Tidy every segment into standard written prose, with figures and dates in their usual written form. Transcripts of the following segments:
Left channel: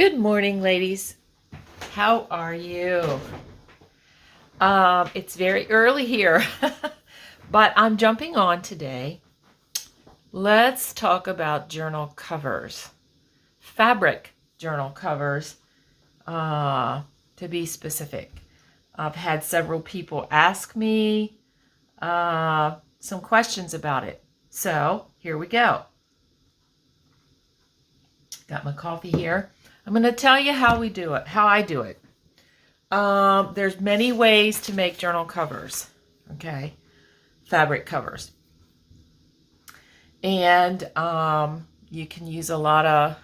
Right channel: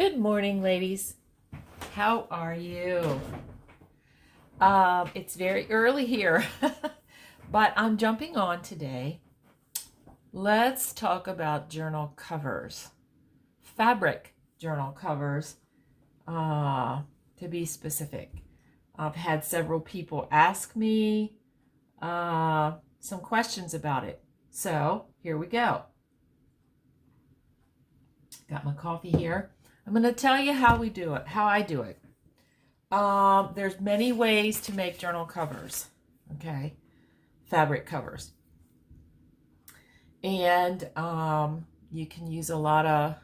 Good morning, ladies. How are you? It's very early here, but I'm jumping on today. Let's talk about journal covers, fabric journal covers, to be specific. I've had several people ask me some questions about it. So here we go. Got my coffee here. I'm going to tell you how we do it, how I do it. There's many ways to make journal covers, okay? Fabric covers. And you can use a lot of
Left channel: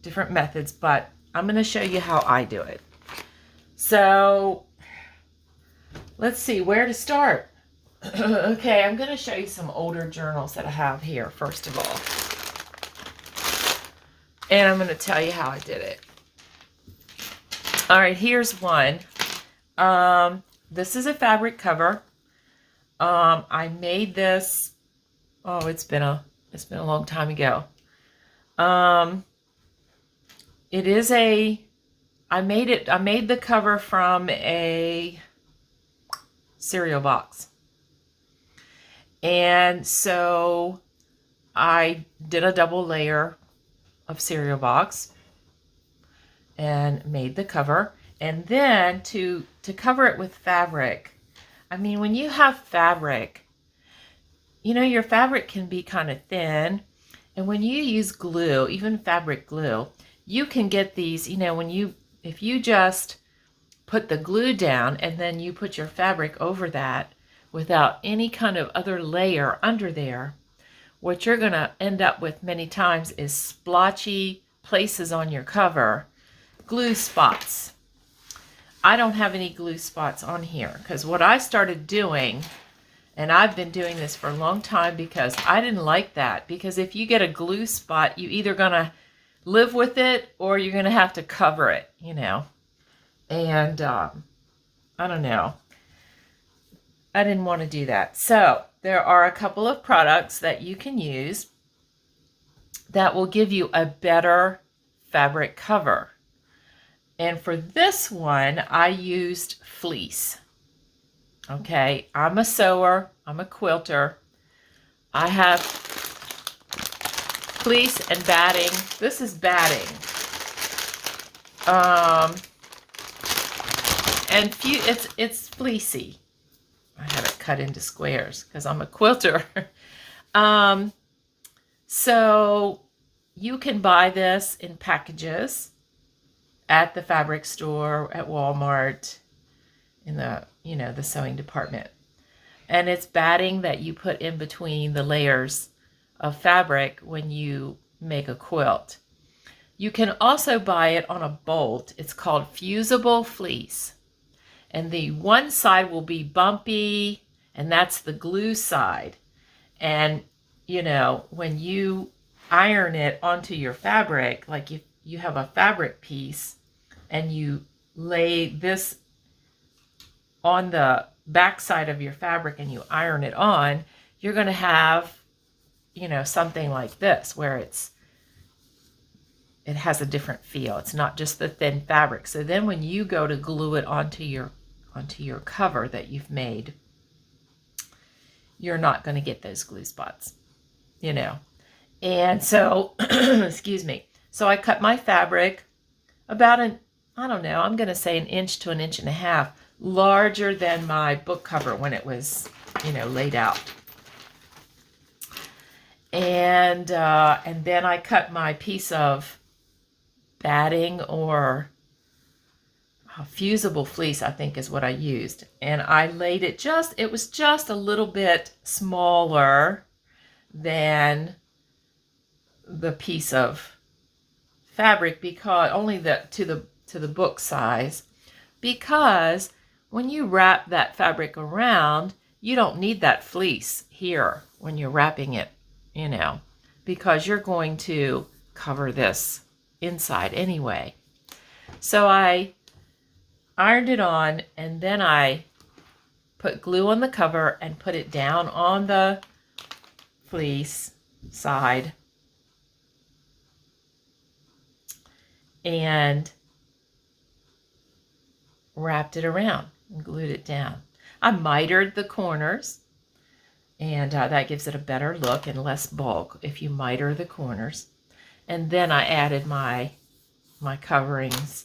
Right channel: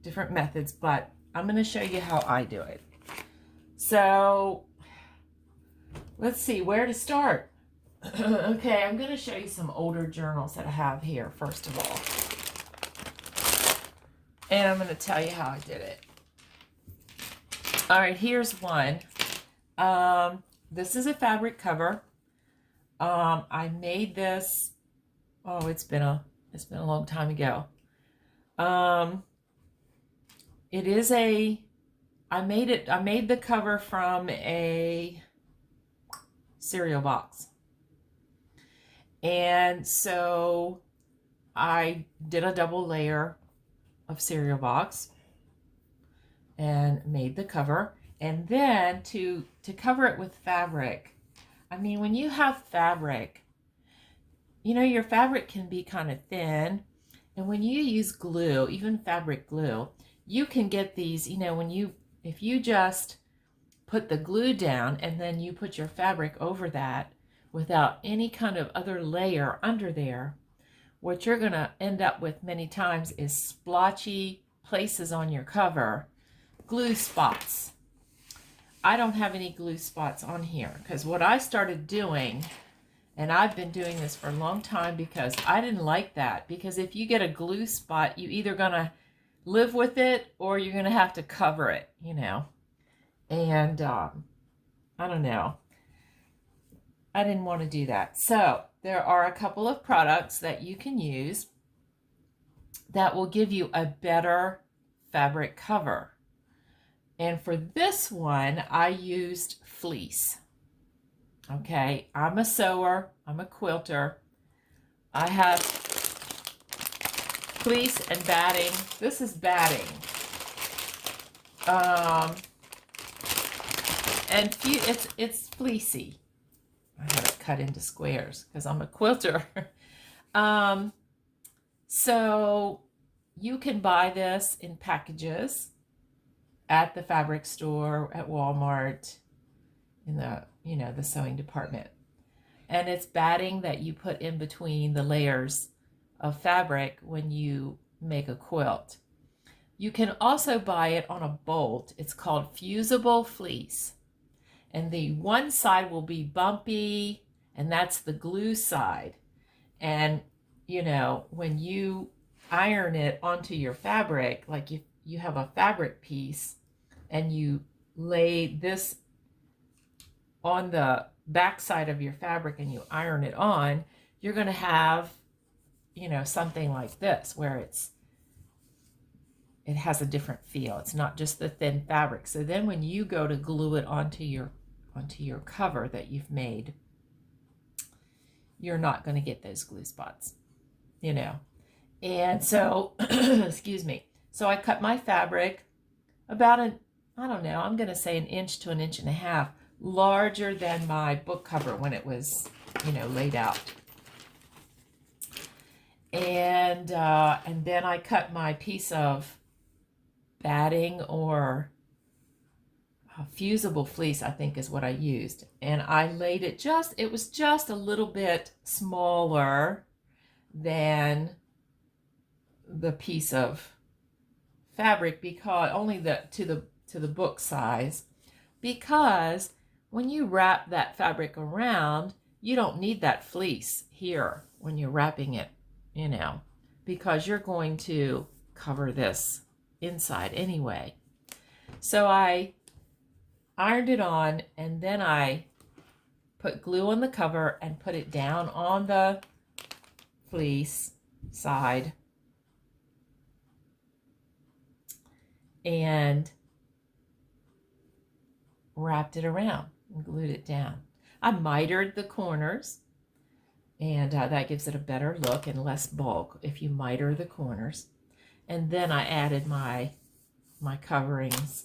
different methods, but I'm going to show you how I do it. So let's see where to start. Okay, I'm going to show you some older journals that I have here, first of all. And I'm going to tell you how I did it. All right, here's one. This is a fabric cover. I made this, it's been a long time ago. I made the cover from a cereal box. And so I did a double layer of cereal box and made the cover. And then to cover it with fabric, I mean, when you have fabric, you know, your fabric can be kind of thin. And when you use glue, even fabric glue, you can get these, you know, if you just put the glue down and then you put your fabric over that without any kind of other layer under there, what you're going to end up with many times is splotchy places on your cover, glue spots. I don't have any glue spots on here because what I started doing, and I've been doing this for a long time because I didn't like that, because if you get a glue spot, you either going to live with it or you're going to have to cover it, you know. And I don't know. I didn't want to do that. So there are a couple of products that you can use that will give you a better fabric cover. And for this one, I used fleece. Okay, I'm a sewer, I'm a quilter. I have fleece and batting. This is batting. And it's fleecy. I have it cut into squares because I'm a quilter. So you can buy this in packages at the fabric store, at Walmart, in the, you know, the sewing department. And it's batting that you put in between the layers of fabric when you make a quilt. You can also buy it on a bolt. It's called fusible fleece. And the one side will be bumpy, and that's the glue side. And, you know, when you iron it onto your fabric, like if you have a fabric piece and you lay this on the back side of your fabric and you iron it on, you're going to have, you know, something like this where it has a different feel. It's not just the thin fabric. So then when you go to glue it onto your cover that you've made, you're not going to get those glue spots, you know. And so, excuse me. So I cut my fabric about I don't know, I'm going to say 1 inch to 1.5 inches larger than my book cover when it was, you know, laid out. And then I cut my piece of batting or fusible fleece, I think is what I used. And I laid it it was just a little bit smaller than the piece of fabric, because only to the book size, because when you wrap that fabric around, you don't need that fleece here when you're wrapping it, you know, because you're going to cover this inside anyway. So I ironed it on, and then I put glue on the cover and put it down on the fleece side. and wrapped it around and glued it down. I mitered the corners, and that gives it a better look and less bulk if you miter the corners. And then I added my coverings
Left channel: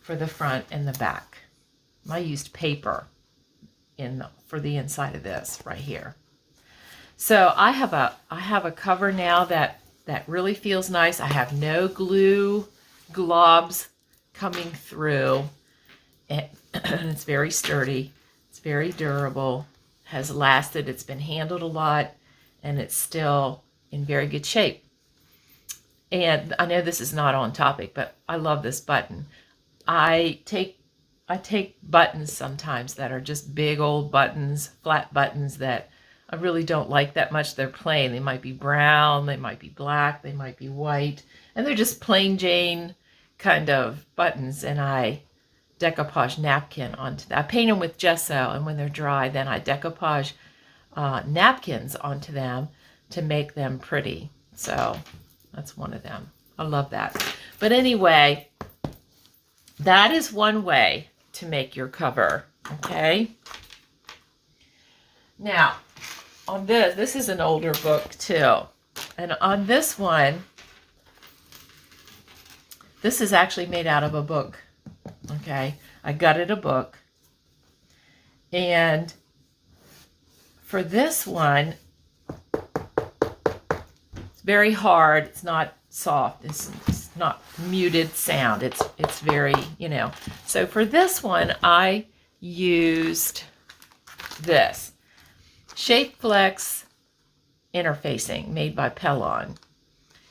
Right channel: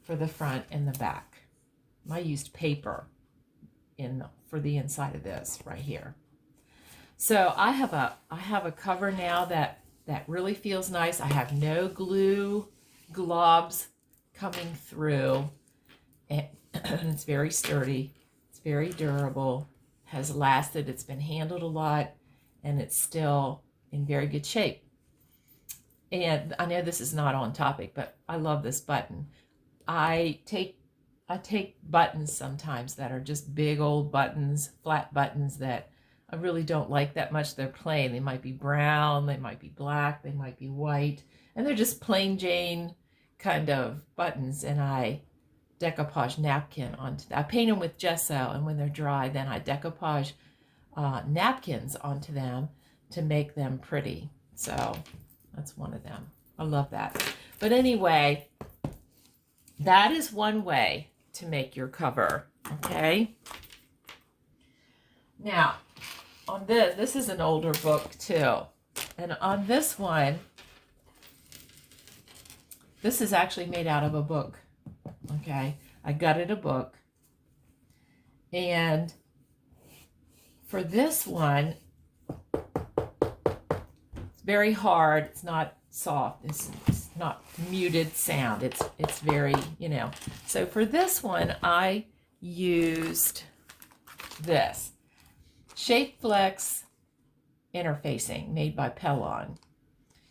for the front and the back. I used paper for the inside of this right here. So I have a cover now that really feels nice. I have no glue globs coming through, and it's very sturdy. It's very durable, has lasted. It's been handled a lot, and it's still in very good shape. And I know this is not on topic, but I love this button. I take buttons sometimes that are just big old buttons, flat buttons that I really don't like that much. They're plain. They might be brown, they might be black, they might be white, and they're just plain Jane kind of buttons, and I decoupage napkin onto that. I paint them with gesso, and when they're dry, then I decoupage napkins onto them to make them pretty. So that's one of them. I love that. But anyway, that is one way to make your cover, okay? Now, on this is an older book too. And on this one, this is actually made out of a book, okay? I gutted a book. And for this one, it's very hard. It's not soft. It's not muted sound. It's very, you know. So for this one, I used this Shapeflex interfacing made by Pellon.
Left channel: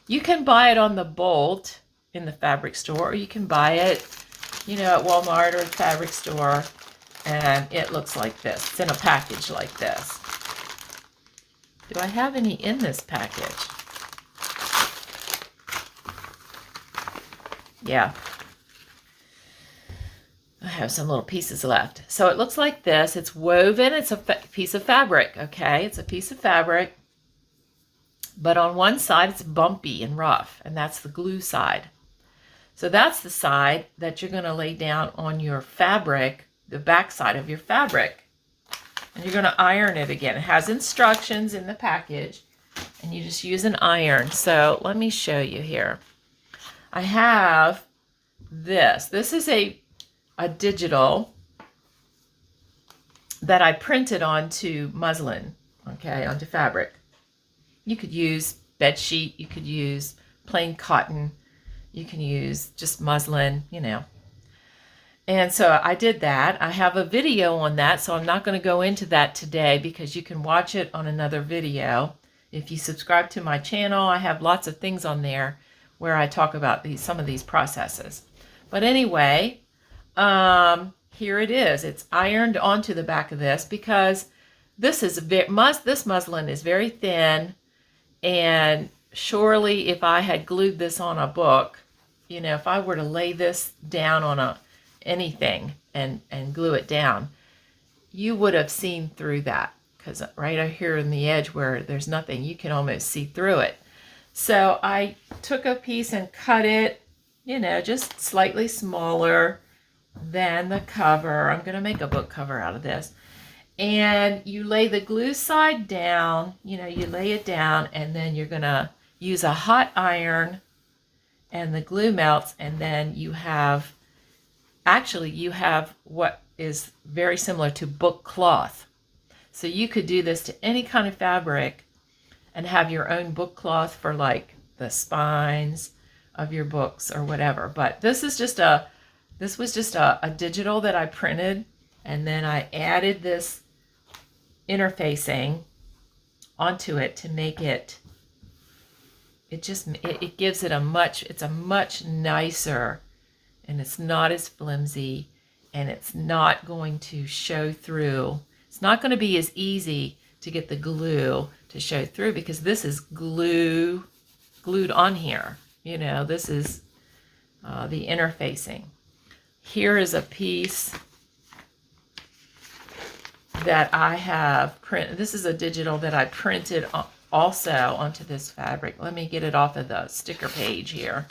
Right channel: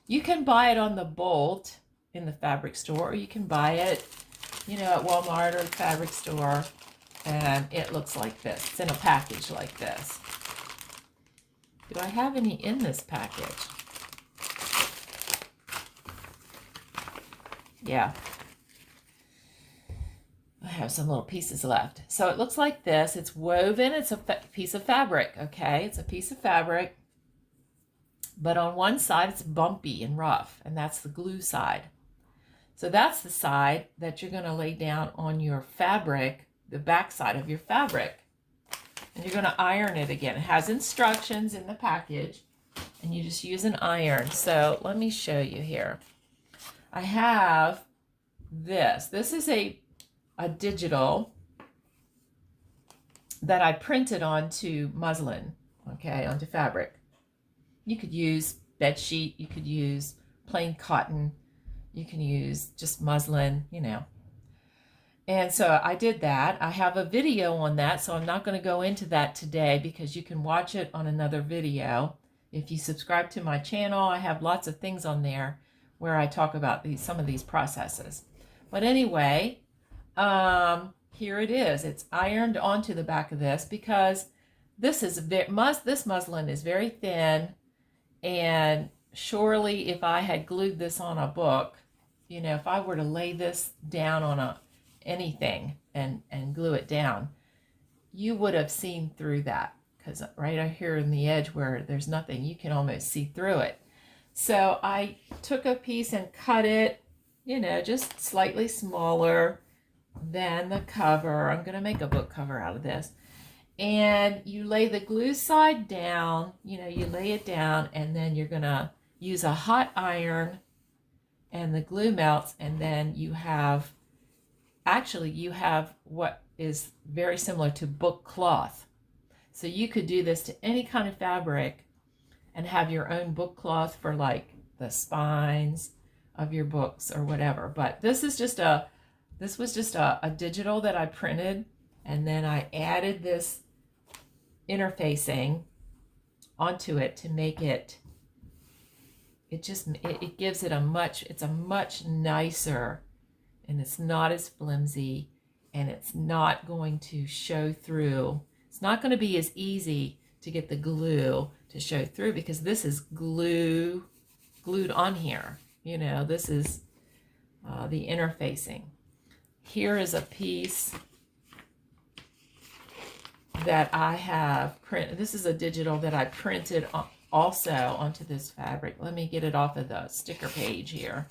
You can buy it on the bolt in the fabric store, or you can buy it, you know, at Walmart or the fabric store, and it looks like this. It's in a package like this. Do I have any in this package? Yeah. I have some little pieces left. So it looks like this. It's woven. It's a piece of fabric, okay? It's a piece of fabric. But on one side, it's bumpy and rough, and that's the glue side. So that's the side that you're going to lay down on your fabric, the back side of your fabric. And you're going to iron it again. It has instructions in the package, and you just use an iron. So let me show you here. I have this. This is a digital that I printed onto muslin, okay, onto fabric. You could use bed sheet, you could use plain cotton, you can use just muslin, you know. And so I did that. I have a video on that, so I'm not going to go into that today because you can watch it on another video. If you subscribe to my channel, I have lots of things on there where I talk about some of these processes. But anyway, here it is. It's ironed onto the back of this because this muslin is very thin, and surely if I had glued this on a book, you know, if I were to lay this down on anything and glue it down, you would have seen through that, because right here in the edge where there's nothing, you can almost see through it. So I took a piece and cut it, you know, just slightly smaller than the cover. I'm going to make a book cover out of this. And you lay the glue side down, you know, you lay it down, and then you're going to use a hot iron, and the glue melts, and then you have what is very similar to book cloth. So you could do this to any kind of fabric and have your own book cloth for like the spines of your books or whatever. But this was just a digital that I printed, and then I added this interfacing onto it to make it gives it it's a much nicer, and it's not as flimsy, and it's not going to show through. It's not going to be as easy to get the glue to show through because this is glued on here. You know, this is the interfacing. Here is a piece that I have printed. This is a digital that I printed also onto this fabric. Let me get it off of the sticker page here.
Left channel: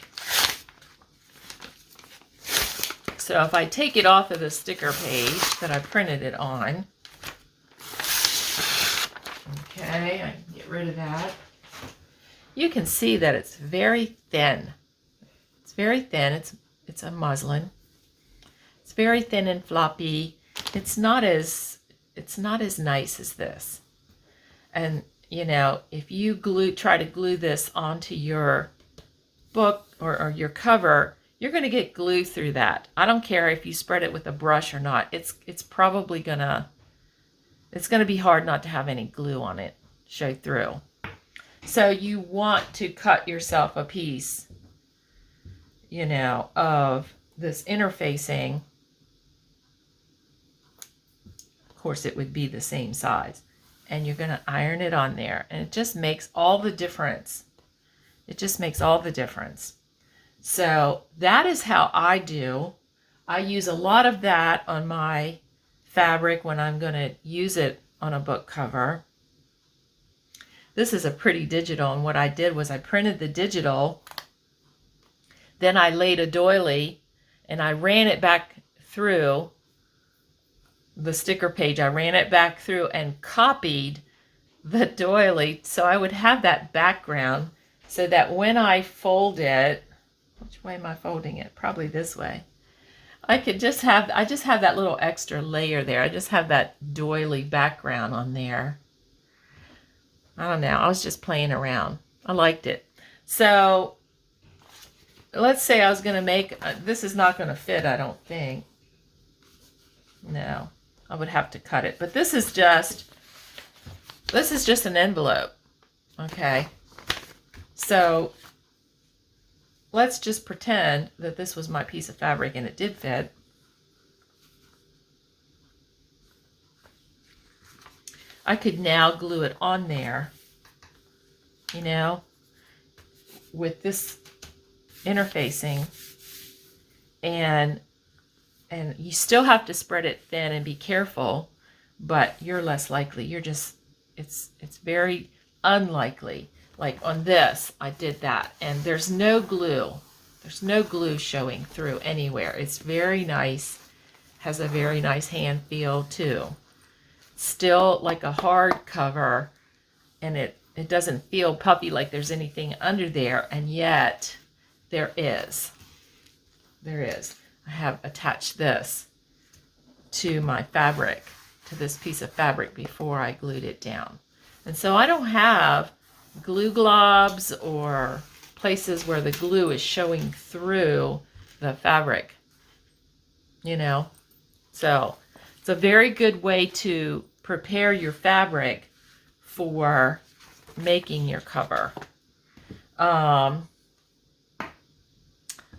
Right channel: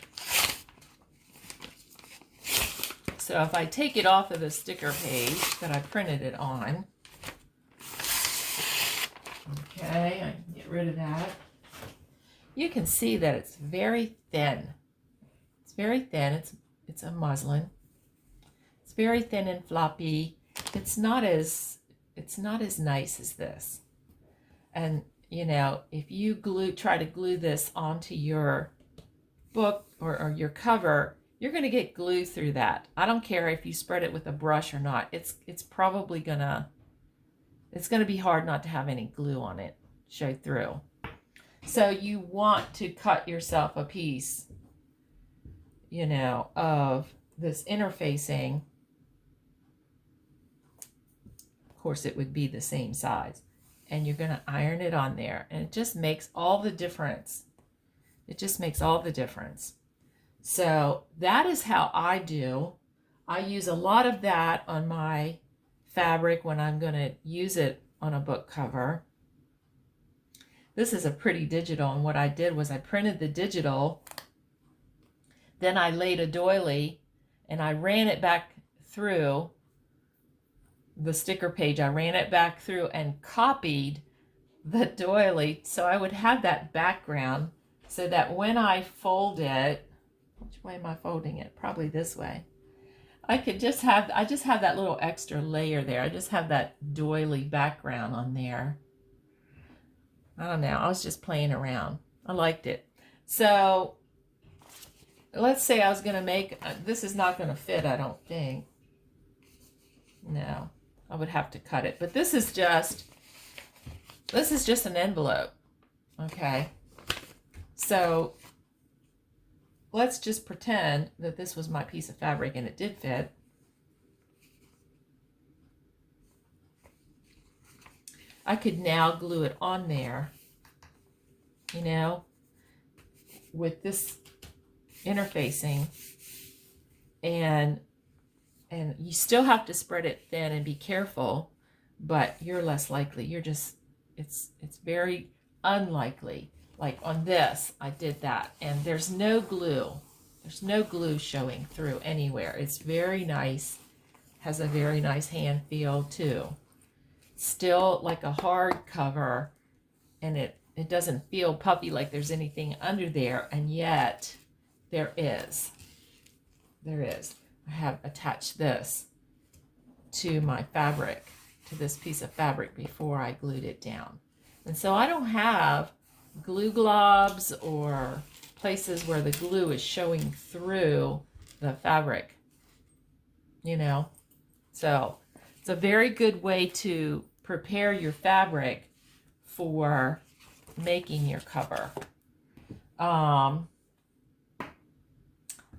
So if I take it off of the sticker page that I printed it on, okay, I can get rid of that. You can see that it's very thin. It's very thin. It's a muslin. It's very thin and floppy. It's not as nice as this. And you know, if you try to glue this onto your book or your cover, you're going to get glue through that. I don't care if you spread it with a brush or not. It's probably gonna be hard not to have any glue on it show through. So you want to cut yourself a piece, you know, of this interfacing. Of course, it would be the same size. And you're going to iron it on there. And it just makes all the difference. It just makes all the difference. So that is how I do. I use a lot of that on my fabric when I'm going to use it on a book cover. This is a pretty digital, and what I did was I printed the digital, then I laid a doily, and I ran it back through the sticker page. I ran it back through and copied the doily so I would have that background so that when I fold it, which way am I folding it? Probably this way. I just have that little extra layer there. I just have that doily background on there. I don't know. I was just playing around. I liked it. So let's say I was going to make, this is not going to fit, I don't think. No, I would have to cut it. But this is just an envelope. Okay. So let's just pretend that this was my piece of fabric and it did fit. I could now glue it on there, you know, with this interfacing, and you still have to spread it thin and be careful, but you're less likely. It's very unlikely. Like on this, I did that, and there's no glue. There's no glue showing through anywhere. It's very nice, has a very nice hand feel too. Still like a hard cover, and it doesn't feel puffy like there's anything under there, and yet there is. I have attached this to my fabric, to this piece of fabric before I glued it down. And so I don't have glue globs or places where the glue is showing through the fabric, you know. So it's a very good way to prepare your fabric for making your cover. I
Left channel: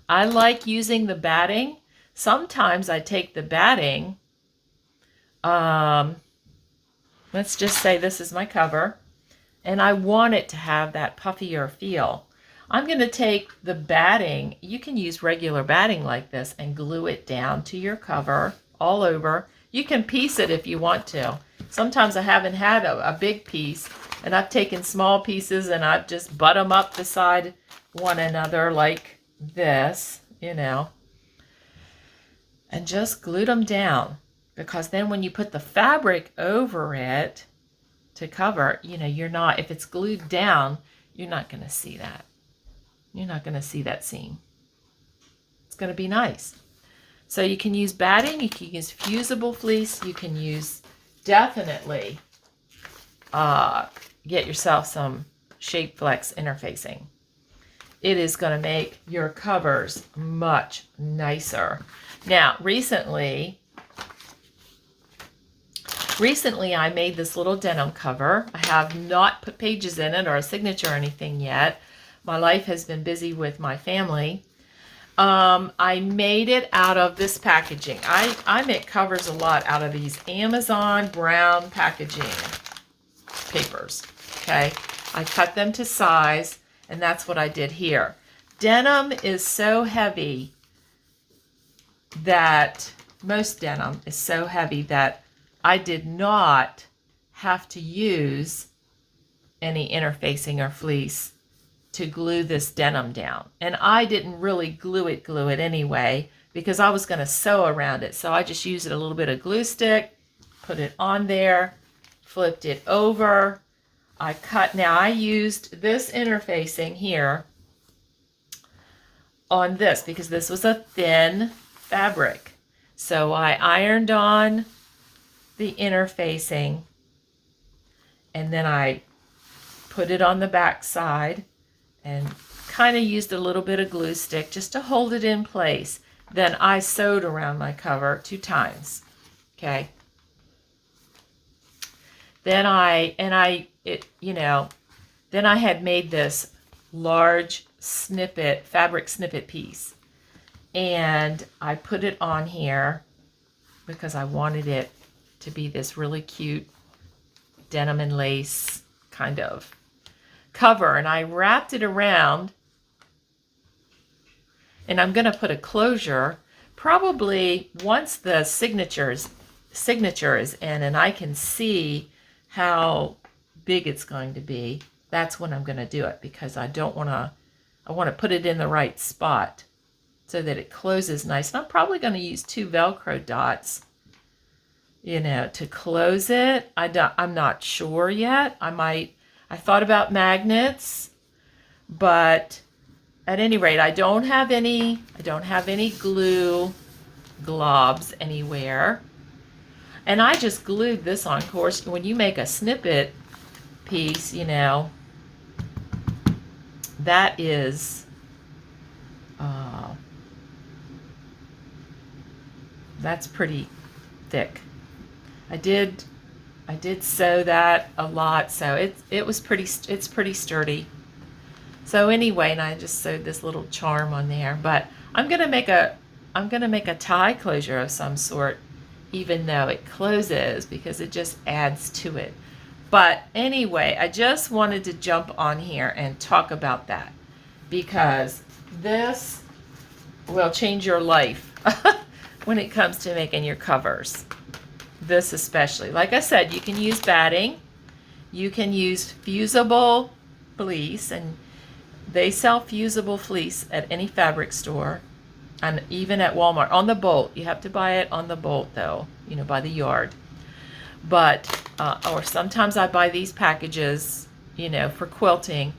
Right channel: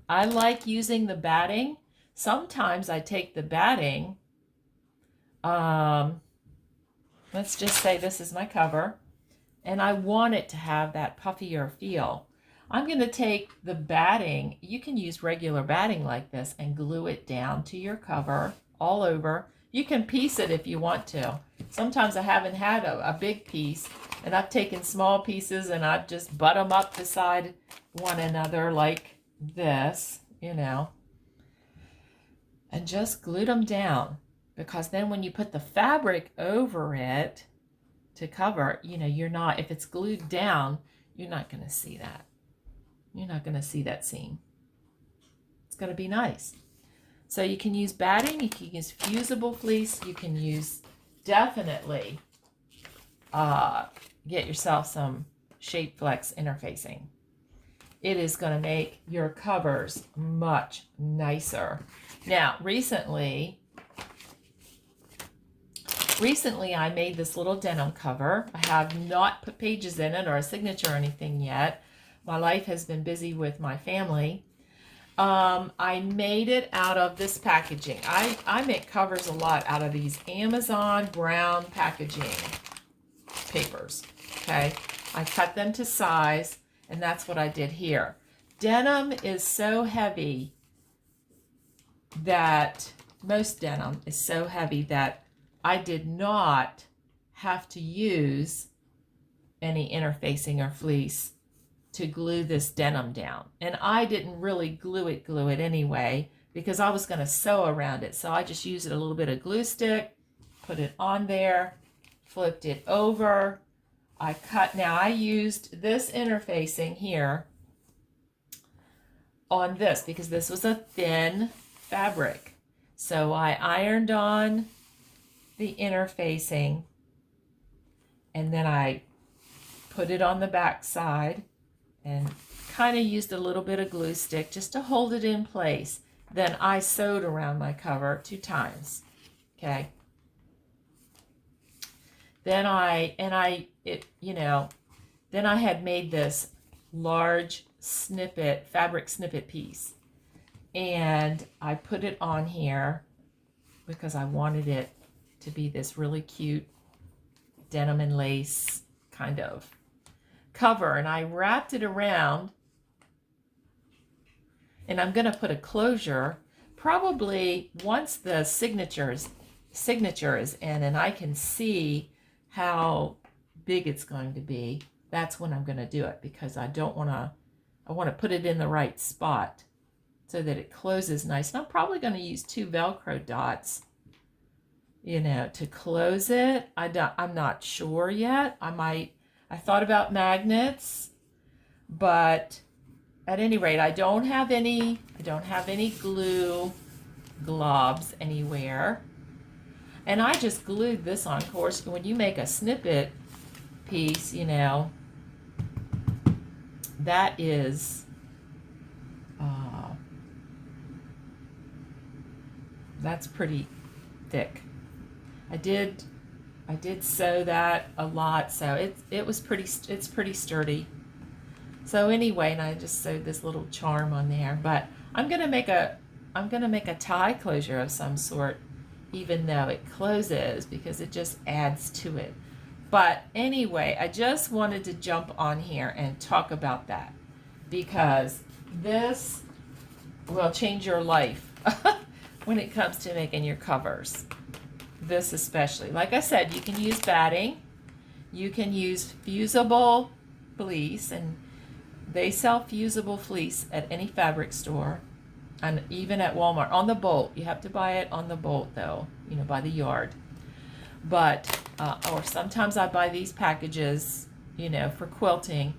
like using the batting. Sometimes I take the batting. Let's just say this is my cover, and I want it to have that puffier feel. I'm going to take the batting. You can use regular batting like this and glue it down to your cover all over. You can piece it if you want to. Sometimes I haven't had a big piece, and I've taken small pieces and I've just butt them up beside one another like this, you know, and just glued them down. Because then when you put the fabric over it to cover, you know, if it's glued down, you're not going to see that. You're not going to see that seam. It's going to be nice. So you can use batting, you can use fusible fleece, you can use definitely get yourself some Shape Flex interfacing. It is going to make your covers much nicer. Now, recently I made this little denim cover. I have not put pages in it or a signature or anything yet. My life has been busy with my family. I made it out of this packaging. I make covers a lot out of these Amazon brown packaging papers. Okay, I cut them to size, and that's what I did here. Denim is so heavy that most denim is so heavy that I did not have to use any interfacing or fleece to glue this denim down. And I didn't really glue it anyway, because I was going to sew around it. So I just used a little bit of glue stick, put it on there, flipped it over. I cut, now I used this interfacing here on this because this was a thin fabric. So I ironed on the interfacing and then I put it on the back side and kind of used a little bit of glue stick just to hold it in place. Then I sewed around my cover 2 times. Okay. Then then I had made this large snippet, fabric snippet piece. And I put it on here because I wanted it to be this really cute denim and lace kind of cover. And I wrapped it around. And I'm going to put a closure probably once the signature is in and I can see how big it's going to be. That's when I'm going to do it, because I want to put it in the right spot so that it closes nice. And I'm probably going to use 2 Velcro dots, to close it. I'm not sure yet. I thought about magnets, but at any rate, I don't have any glue globs anywhere. And I just glued this on. Of course, when you make a snippet piece, that is, that's pretty thick. I did sew that a lot, so it's pretty sturdy. So anyway, and I just sewed this little charm on there, but I'm gonna make a tie closure of some sort, even though it closes, because it just adds to it. But anyway, I just wanted to jump on here and talk about that, because this will change your life when it comes to making your covers. This especially. Like I said, you can use batting, you can use fusible fleece, and they sell fusible fleece at any fabric store, and even at Walmart on the bolt. You have to buy it on the bolt though, by the yard. But or sometimes I buy these packages, for quilting,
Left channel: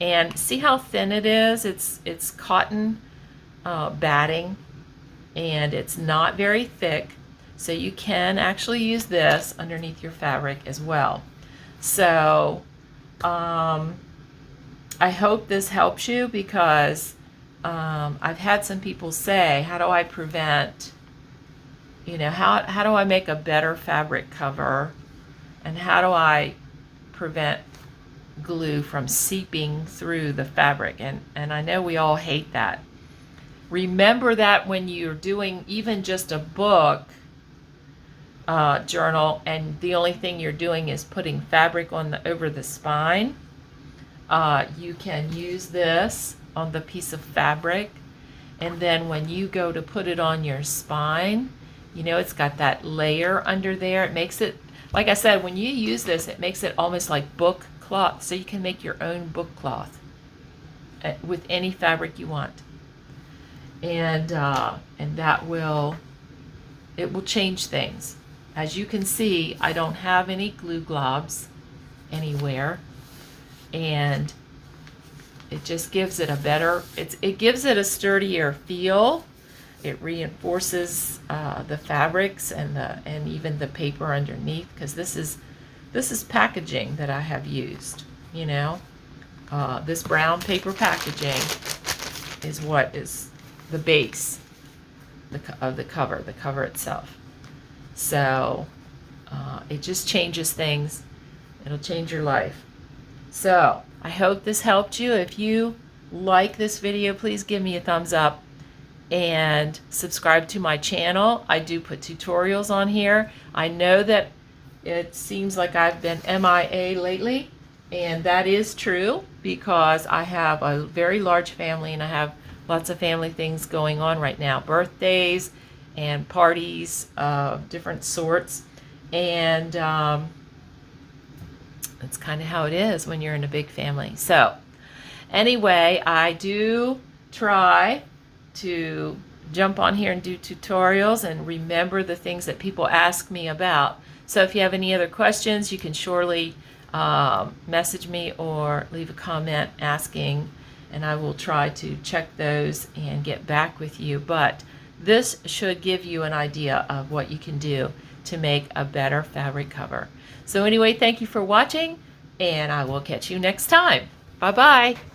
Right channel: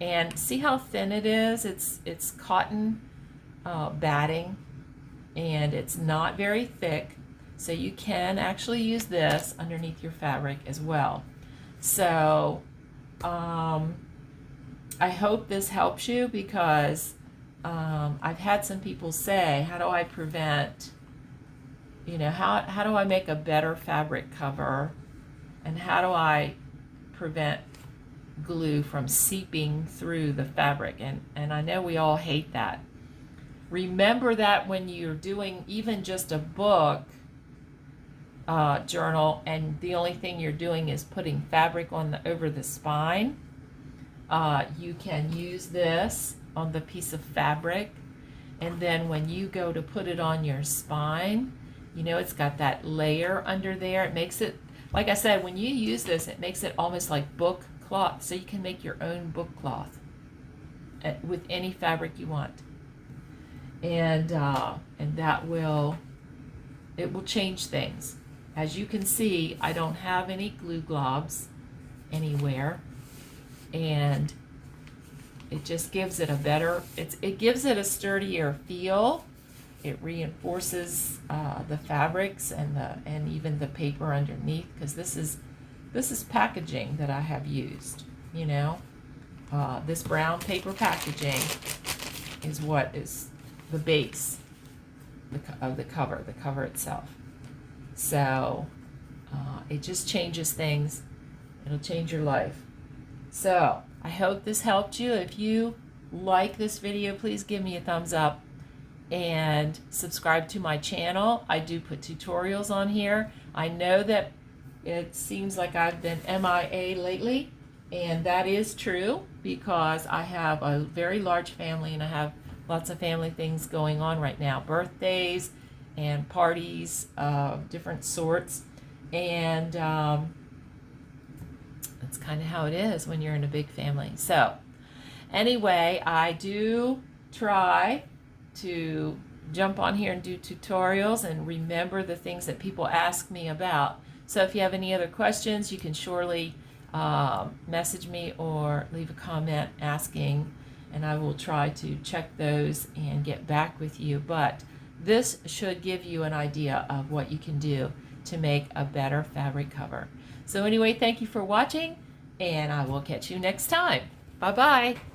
and see how thin it is. It's cotton batting, and it's not very thick, so you can actually use this underneath your fabric as well. So I hope this helps you, because I've had some people say, how do I prevent, how do I make a better fabric cover, and how do I prevent glue from seeping through the fabric? And I know we all hate that. Remember that when you're doing even just a book journal, and the only thing you're doing is putting fabric over the spine, you can use this on the piece of fabric, and then when you go to put it on your spine, it's got that layer under there. It makes it, like I said, when you use this, it makes it almost like book cloth, so you can make your own book cloth with any fabric you want. And that will change things. As you can see, I don't have any glue globs anywhere, and it just gives it a better, it gives it a sturdier feel. It reinforces the fabrics and even the paper underneath, because this is packaging that I have used. This brown paper packaging is what is the base of the cover itself. So it just changes things. It'll change your life. So I hope this helped you. If you like this video, please give me a thumbs up and subscribe to my channel. I do put tutorials on here. I know that it seems like I've been MIA lately, and that is true, because I have a very large family and I have lots of family things going on right now, birthdays and parties of different sorts, and it's kind of how it is when you're in a big family. So anyway, I do try to jump on here and do tutorials and remember the things that people ask me about. So if you have any other questions, you can surely message me or leave a comment asking, and I will try to check those and get back with you. But this should give you an idea of what you can do to make a better fabric cover. So anyway, thank you for watching, and I will catch you next time. Bye-bye.